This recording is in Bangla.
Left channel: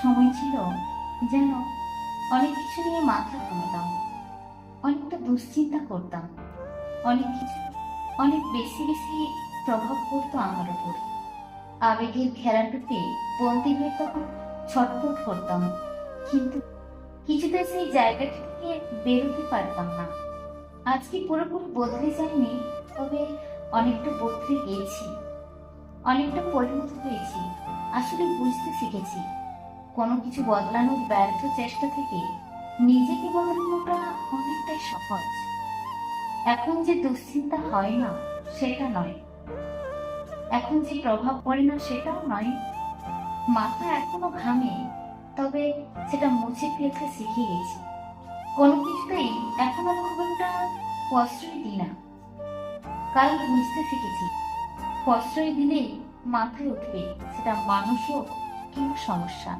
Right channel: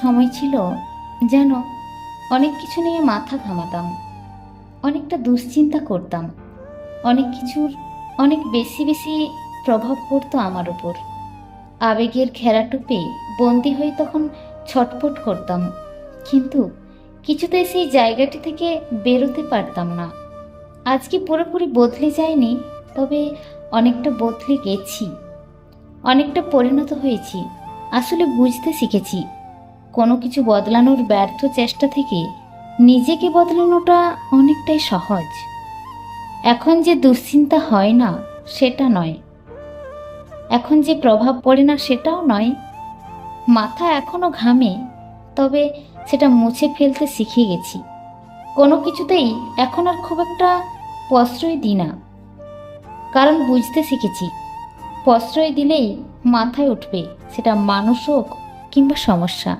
সময় ছিল যেন অনেক কিছু নিয়ে মাথা ঘামাতাম, অনেকটা দুশ্চিন্তা করতাম, অনেক কিছুর, অনেক বেশি বেশি প্রভাব পড়তো আমার উপর। আবেগের ঘেরাটুপে বন্দি হয়ে তখন ছটফট করতাম, কিন্তু কিছুতেই সেই জায়গাটি থেকে বেরোতে পারতাম না। আজকে পুরোপুরি বদলে যায়নি, তবে অনেকটা বদলে গেছি, অনেকটা পরিণত হয়েছি, আসলে বুঝতে শিখেছি। কোনো কিছু বদলানোর ব্যর্থ চেষ্টা থেকে নিজেকে বদলানোটা অনেকটাই সহজ। এখন যে দুশ্চিন্তা হয় না, সেটা নয়। এখন যে প্রভাব পড়ে না, সেটাও নয়। মাথা এখনও ঘামে, তবে সেটা মুছে ফেলতে শিখে গেছি। কোনো কিছুতেই এখন আর খুব একটা প্রশ্রয় দিই না। কারণ বুঝতে শিখেছি, প্রশ্রয় দিলেই মাথায় উঠবে সেটা মানুষ হোক কিংবা সমস্যা।